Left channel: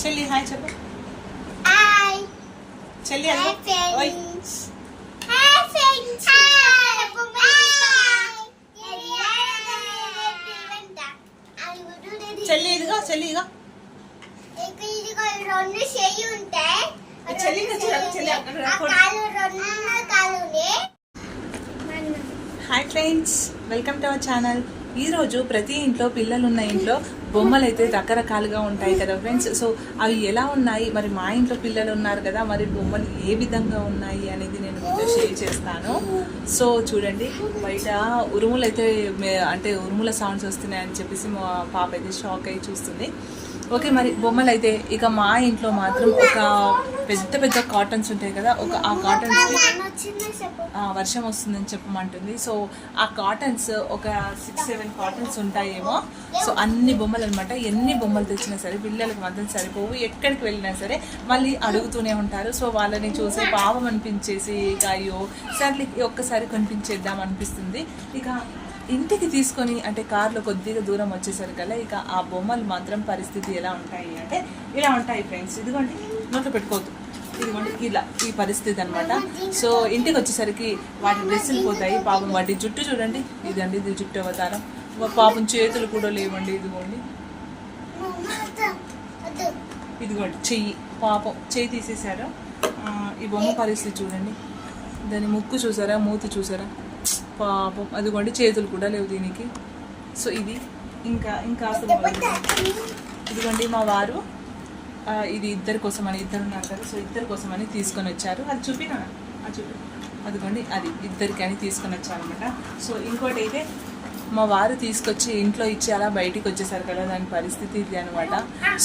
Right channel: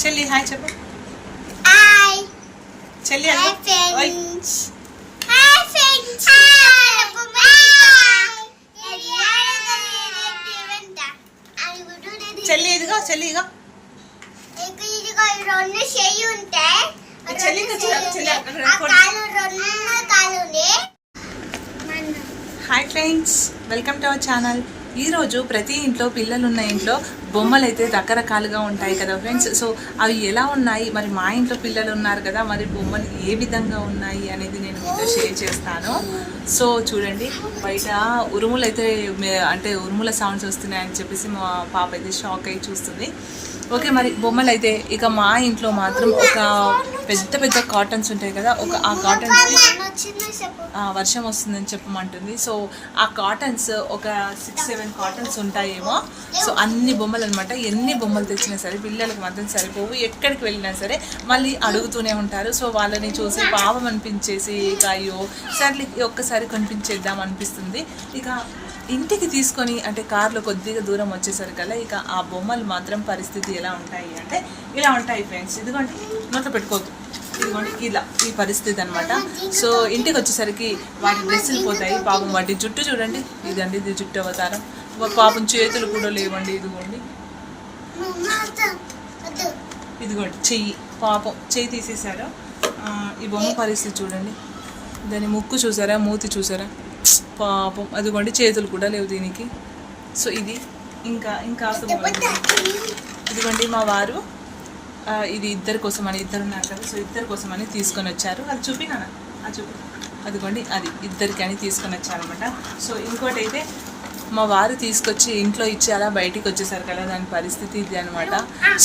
చెల్లి హాయ్ చెప్పు. హాయ్ చెల్లి హాయ్. ఫ్రెండ్స్ హాయ్ ఫ్రెండ్స్ చెల్లి ఇదిగో చెల్లి ఇగో రెండు చెయ్యి ఉంటాయి చెల్లి hi friends welcome to our channel ఈరోజు ప్రతి ఇంట్లో పిల్లలున్న ఇంట్లో బొమ్మలు అయితే రకరకాలుగా ఉంటాయి కదా ఫ్రెండ్స్ సో అవి ఎలా ఉన్నాయి? మరి మా ఇంట్లో పిల్లలు ఉన్నారు కదా మరి బొమ్మలు ఏ విధంగా ఉన్నాయి అనేది నేను మీతో షేర్ చేస్తాను. సో చూడండి బయట ఉరుములు అయితే అంటే ఉరుముల సౌండ్స్ వస్తున్నాయని చెప్పేసి మా పాప అయితే షాక్ అయి చూస్తుంది. ఓకే మరి బొమ్మలు అయితే ఇక మా ఇంట్లో మాత్రం ఒక పెద్ద పెద్ద కాటన్స్ ఉంటాయి కదా ఒక ఆ కాటన్స్కి వర్షం వస్తుందని చెప్పమంటుంది. సో ఆ కాటన్స్ ఒక సిక్స్ సెవెన్ కాటన్స్ ఉంటాయేమో. సో అన్ని బొమ్మలు అనమాట ఎన్ని బొమ్మలు తెచ్చినా సరే పిల్లలకు మాత్రం సరిపోవు. ఎక్కడికి వెళ్ళినా సరే మళ్ళీ అడుగుతూనే ఉంటారు. సో వాళ్ళని చూసి పాపం అనిపించేసి ఇక అయ్యో సర్లే ఒక్కసారి కొనిపించేద్దాం అనిపిస్తుంది. ఇక ఇంటికి తీసుకొని అంటే కార్లో కొద్దిగా దూరం వచ్చేసరికల్లా ఇక ఆ బొమ్మలు మాత్రం పరిస్థితి ఎలా ఉంటాయి అంటే ఇలా ఉంటాయి ఫ్రెండ్స్ ఇదిగోండి నోట్లో పెట్టుకోవద్దు. ఇదిగోండి ఇలా ఈ పరిస్థితి అనమాట సో ఇంటికి వచ్చేసరికి వాటి డ్రెస్సులు పోతాయి. పాపం వాటి జుట్టు చూడండి. ఇదండి ఇది జుట్టు అవతారం. పాపం చేతులు కూడా లేవండి. ఇదిగోండి. ఇదిగోండి చెయ్యి. పాపం చెయ్యి తీసేశారు. ఈ బొమ్మ పరిస్థితి చూడండి. దాని ముక్కు చూసారా? మూతి చూసారా? పాపం. అదిగోండి చేతులు కూడా లేవు దీనికి. సో ఇది ఇంకా ఇంకా ఇదిగోండి మా వారు ఇది ఇద్దరి కోసం అని ఇద్దరు ఉన్నారు కదా సో ఇద్దరి కోసం అని తీసుకొని వచ్చారు. అది చూపినా అది చూపి. అదిగోండి అది ఇద్దరికి అని తీసుకొని వచ్చారనమాట సో ఇంకోటి అయితే మా వారు తీసుకొచ్చి ఇంట్లో ఇచ్చి అలా బయటికి వచ్చేసారు కదా దాని పరిస్థితి ఇది అనమాట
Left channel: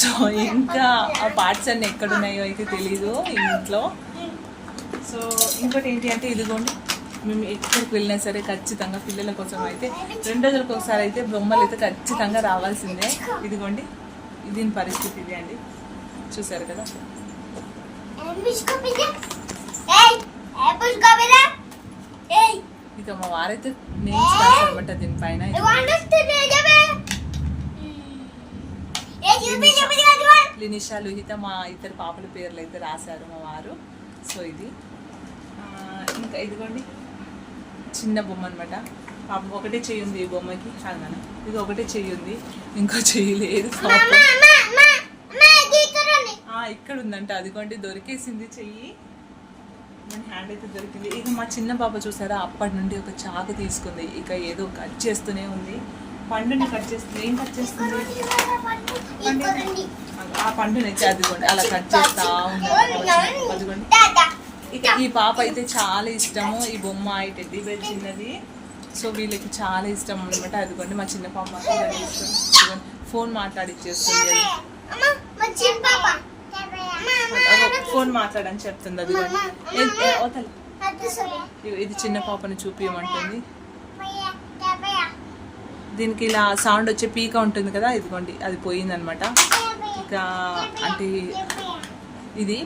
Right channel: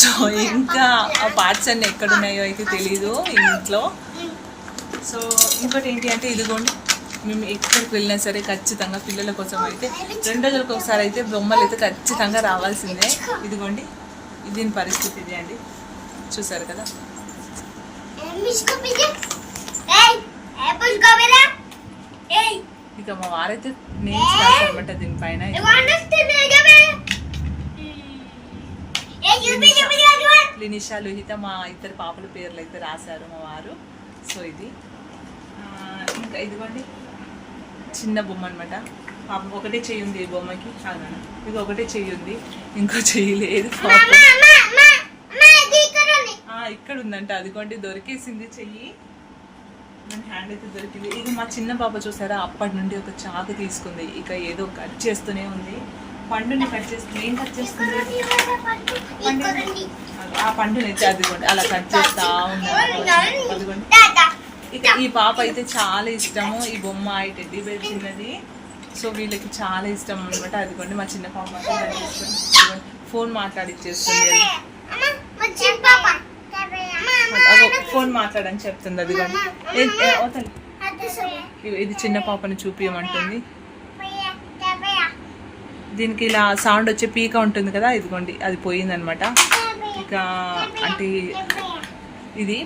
సో ఇంకా ఆ పార్ట్స్ అన్ని ఎక్కడున్నాయో అయితే తెలీదు ఇంట్లో. సో ఇంకోటి ఏంటి అంటే ఇదిగోండి. మేము ఎక్కడికి వెళ్ళినా సరే ఖచ్చితంగా పిల్లల కోసం అయితే రెండు రోజులకు ఒకసారి అయితే బొమ్మలు అయితే ఖచ్చితంగా రావాల్సిందే. ఇదిగోండి దీని పరిస్థితి ఇది అండి. చూసారు కదా? ఇక మా వారైతే నేమ్స్ అనమాట దీనిపైన లినిషా లుహిత మా ఇద్దరు పాపల పేర్లు అయితే రాశారు మా వారు. సో ఇది. ఇంకా ఇదిగోండి. చిన్న బొమ్మ అనమాట పాపం ఒకటే చెయ్యి ఉంది ఈ బొమ్మకి. కాదన్న ఇది ఒకటే చెయ్యి ఉంది. ఇంకో చెయ్యి లేదు ఇక్కడ ఉందంట. అదిగోండి దొరికేసింది చెయ్యి. మన హ్యాండ్ అయితే దొరికింది. ఇది మా చిన్న పాప చూసారా? అప్పటి నుండి ఒక చాకు తీసుకుంది. ఇక ఏదో కట్ చేస్తూనే ఉంది. పండుని కట్ చేస్తుంది ఏం కట్ చేస్తుంది? ఆ పండుని అయితే అదిగోండి అలా కట్ చేస్తా ఉంది. అదిగోండి. ఇక ఈ పాప అయితే చాలా ఇష్టము. ఈ బొమ్మ ఈ టెడ్డీ బేర్ చిన్నది. సో వీళ్ళకి చాలా ఇష్టం అనమాట అదిగోండి మా చిన్న పాప మాత్రం ఇదిగోండి ఫోన్ మాట్లాడిచ్చేస్తుంది. ఫోన్ మాట్లాడని చెప్తుంది అదిగోండి. ఇది చిన్న పాపని చూపించమంటుంది దీనికి ఇలా సౌండ్ వచ్చే పీక ఉంటుంది కదా ఇదిగోండి అది పోయిందనమాట ఇక అంటే ఇది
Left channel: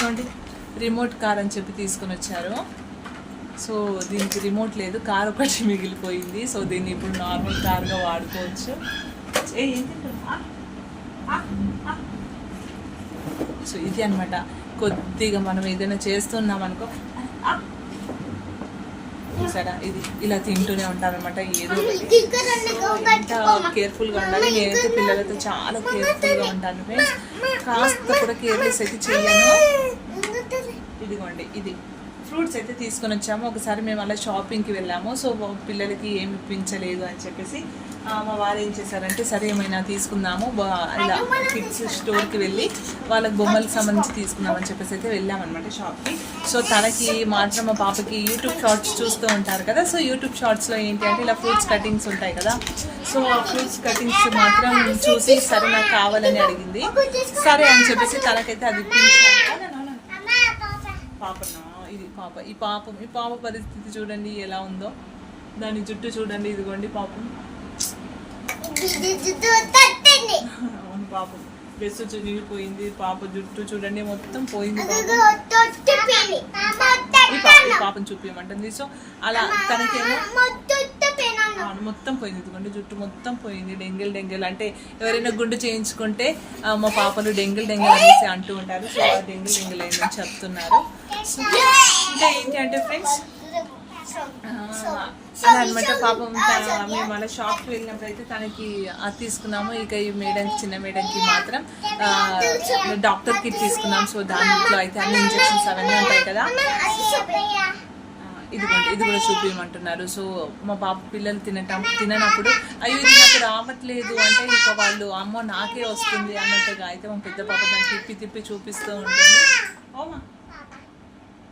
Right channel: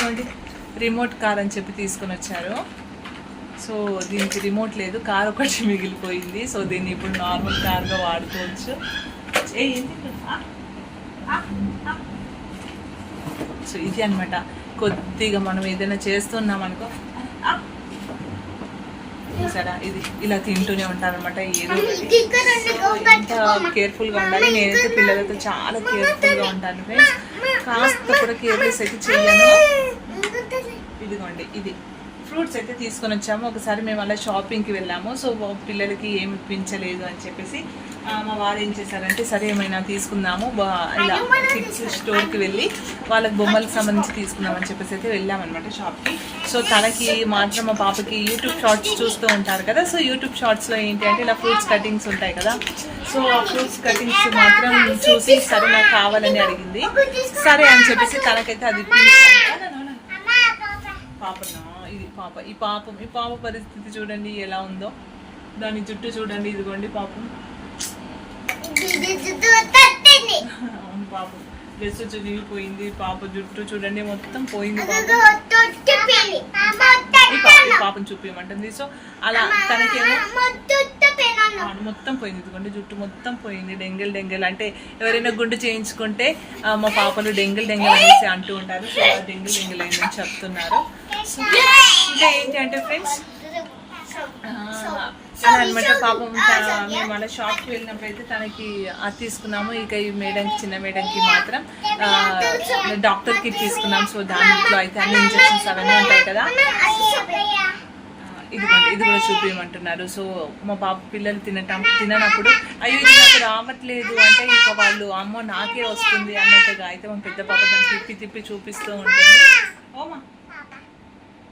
ఇదిగోండి రిమోట్ కార్ అని చెప్పి తీసుకొని వచ్చారు. సో దీనికి రిమోట్ లేదు కార్ ఒకటి మిగిలిపోయింది. సో దీన్ని ఇప్పుడు నార్మల్ కార్గా వాడుకోవచ్చు. ఏ? సో ఇది అన్నమాట. కొద్దిగా మనం ఏదైనా చేస్తున్నాం అనుకో. ఆ! చూసారా? ఇది ఇలా తింటూనే ఉంటారనమాట ఏదో కేర్ఫుల్గా ఉండాలి. నేనైతే పిల్లలతో చాలా కేర్ఫుల్గా ఉంటాను. కాస్త కూడా కేర్లెస్ అయితే చెయ్యను. ఇదిగోండి ఇది. ఫ్రూట్స్ అయితే తీసుకొని వచ్చాము. ఒకసారి మేము అలా షాపింగ్కి వెళ్ళాము. సో పిల్లలకి ఏమి ఇప్పించలేదు అని చెప్పేసి మా వారు ఏం చేశారంటే సరే ఏమైనా తీసుకుందాము. ఇలా కిడ్స్ స్టోర్కి వెళ్ళి వాళ్ళకి బొమ్మలకు సంబంధించి తీసుకుందామని చెప్పేసి అయితే వెళ్ళామన్నమాట షాప్కి సో తనకి మాత్రం మా పాపకి యూట్యూబ్ షార్ట్స్ చూస్తూ ఉంటారు కదా. సో యూట్యూబ్ షార్ట్స్లో ఏంటి అంటే ఇలా ఫ్రూట్స్ కటింగ్స్ ఉంటాయి కదా. సో ఆ ఫ్రూట్స్ కటింగ్స్ మాత్రం చూసి సరే నాకు కావాలని అడిగింది. సరే అని చెప్పేసి తనకైతే అది ఇప్పించాను పాపనా? ఇది పాప. ఈ పాపం ఈ పాప పరిస్థితి చూడండి ఎలా ఉందో. దాని జుట్టు చూడండి ఇదిగోండి పాపం. అవును పాపం. డ్రెస్ చిరిగిపోయింది. పాప జుట్టు చూడండి మొత్తం పోయింది పాపం. పాప చూపించమంటుంది సో అలా తనకేమో మొత్తం పోయింది. ఇదిగోండి జుట్టు మొత్తం పోయింది. డెంగల్ డెంగల్. అంటే ఎవరైనా గుండు చేయించుకుంటే మా పాపలు డెంగల్ డెంగల్ అనేసి అంటూ ఉంటారు. సో డెంగల్ డెంగల్ అయిందని చెప్తున్నారు. సో ఇంకా ఏంటి అంటే ఫ్రెండ్స్ అలా అనమాట పాపం త- మేము అలా షాప్కి వెళ్ళినప్పుడు అయితే తనకి అది తీసుకున్నాము. ఇక ఈ మేడంకి చిన్న మేడంకి మాత్రం ఆ, డాక్టర్ కిట్ తీసుకున్నాం. సో దాంట్లో అయితే అన్ని ఇంజెక్షన్స్ అవన్నీ ఉంటాయి కదా. ఇదిగోండి ఇది కూడా చూపించమంటున్నారు సో మా పాప పిల్లలు తినటం తిననప్పుడు అయ్యో ఇది నాకు రావట్లేదు అంటే ఇక వాళ్ళు అమ్మో నాకే వస్తుంది అన్నట్టుగా అయితే మా పెద్ద పాప దాన్ని తిప్పి తిప్పి చూపిస్తూ ఉంటుంది. ఓమా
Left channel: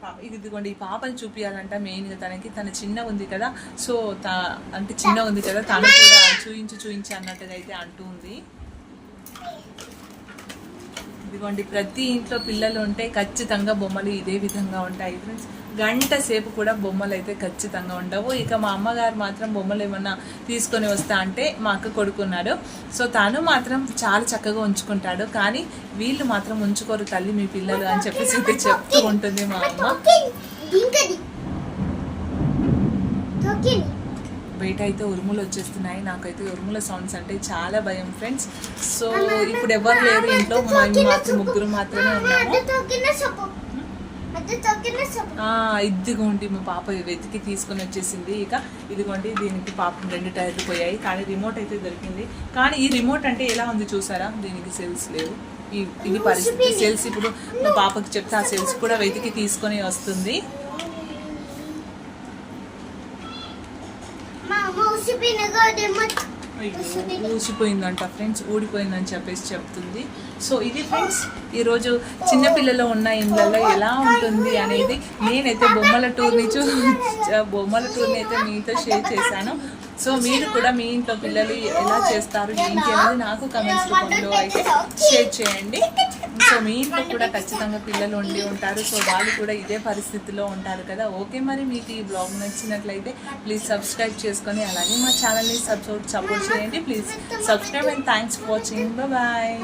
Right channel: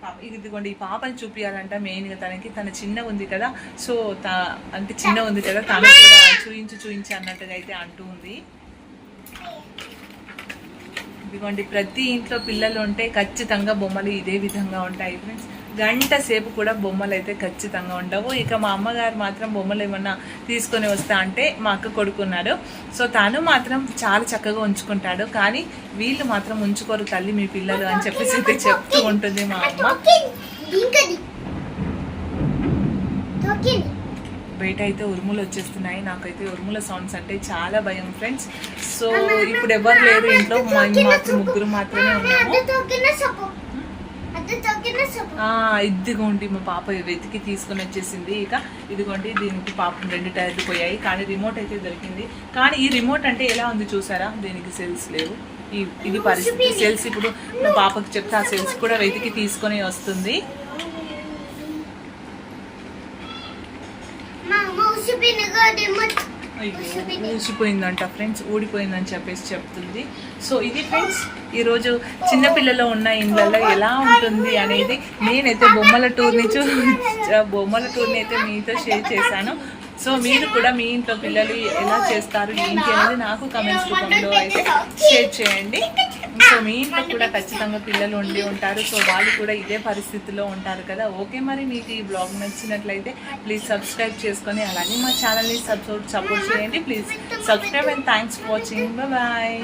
పాప ఇదిగోండి ఈ పాపని చూపించాలంట మెయిన్గా తనకి. తన చిన్న ఉంది కదా సో తా అంటే చిన్న ఉంది కదా తను కూడా చూయించు చూయించు అన్నట్టుగా అయితే అంటూ ఉంది. ఇదిగోండి ప్రతి ఇంట్లో పిల్లలు ఉంటే ఖచ్చితంగా బొమ్మలు ఇదే విధంగా ఉంటాయి ఫ్రెండ్స్ గంట సేపు కూడా బొమ్మలు అయితే ఖచ్చితంగా ఉండవు. ఇక మా అమ్మగారు మాత్రం బొమ్మలు ఏమన్నా తీసుకొని వస్తా అంటే మా అక్క కొడుకున్నాడు సో తను మాత్రం చాలా చక్కగా ఉంచుకుంటాడు. కానీ వీళ్ళు మాత్రం ఉంచుకోరు తల్లి మీ పిల్లలు అని చెప్పేసి అయితే చెప్తూ ఉంటుంది మా అమ్మ. బయట అయితే ఉరుములు వచ్చేస్తున్నాయి. నాకైతే ఉరుముల సౌండ్స్ అంటే చాలా భయం ఫ్రెండ్స్ సో ఇప్పుడు ఎవరు లేరు ఇంట్లో. మాత్రం ముగ్గురు మాత్రమే ఉన్నాము. ఇదిగోండి మా పాప వెతికి తీసుకొని వచ్చేసింది. ఇక ఇదిగోండి దీనికి పాపం రెండు టైర్లు పోయాయి. కానీ రిమోట్ అయితే దొరికింది. కానీ ఈ రిమోట్ అంటే ఎలా ఉంది చూసారా? దీనికి సెల్స్ లేవు. ఈ ఇది పరిస్థితి. సెల్స్ ఇప్పుడు మా పాపకి చెప్తే ఆ సెల్స్ కూడా వెతికి తీసుకొని వస్తుంది. ఊసిపోయిందంట ఫ్రెండ్స్ ఊడిపోయిందని చెప్పేసి చెప్తుంది. సో ఇది ఫ్రెండ్స్ ఈరోజు చిన్నపిల్లలు ఉన్న ఇండ్లలో ఎలా ఉంటుంది అనేది నేనైతే బొమ్మల టూర్ని చూ బొమ్మల టూర్ని అయితే మీతో షేర్ చేశాను. సో మీరు కూడా మీ ఇంట్లో పిల్లలు ఎలా చేస్తారు ఏంటి అనేది నాకు కమెంట్స్ రూపంలో అయితే షేర్ చేయండి. సో మీ ఇంట్లో కూడా ఖచ్చితంగా పిల్లలు ఉండి ఉంటారు. సో వాళ్ళు కూడా ఇదే పరిస్థితిలో ఉంటారు కదా. ఓకే మరి మీకు ఈ బ్లాగ్ నచ్చినట్లయితే ప్లీజ్ సబ్స్క్రైబ్ చేసుకొని అలాగే మా ఛానల్ని సపోర్ట్ సపోర్ట్ చేయండి. Please subscribe and thanks for watching bye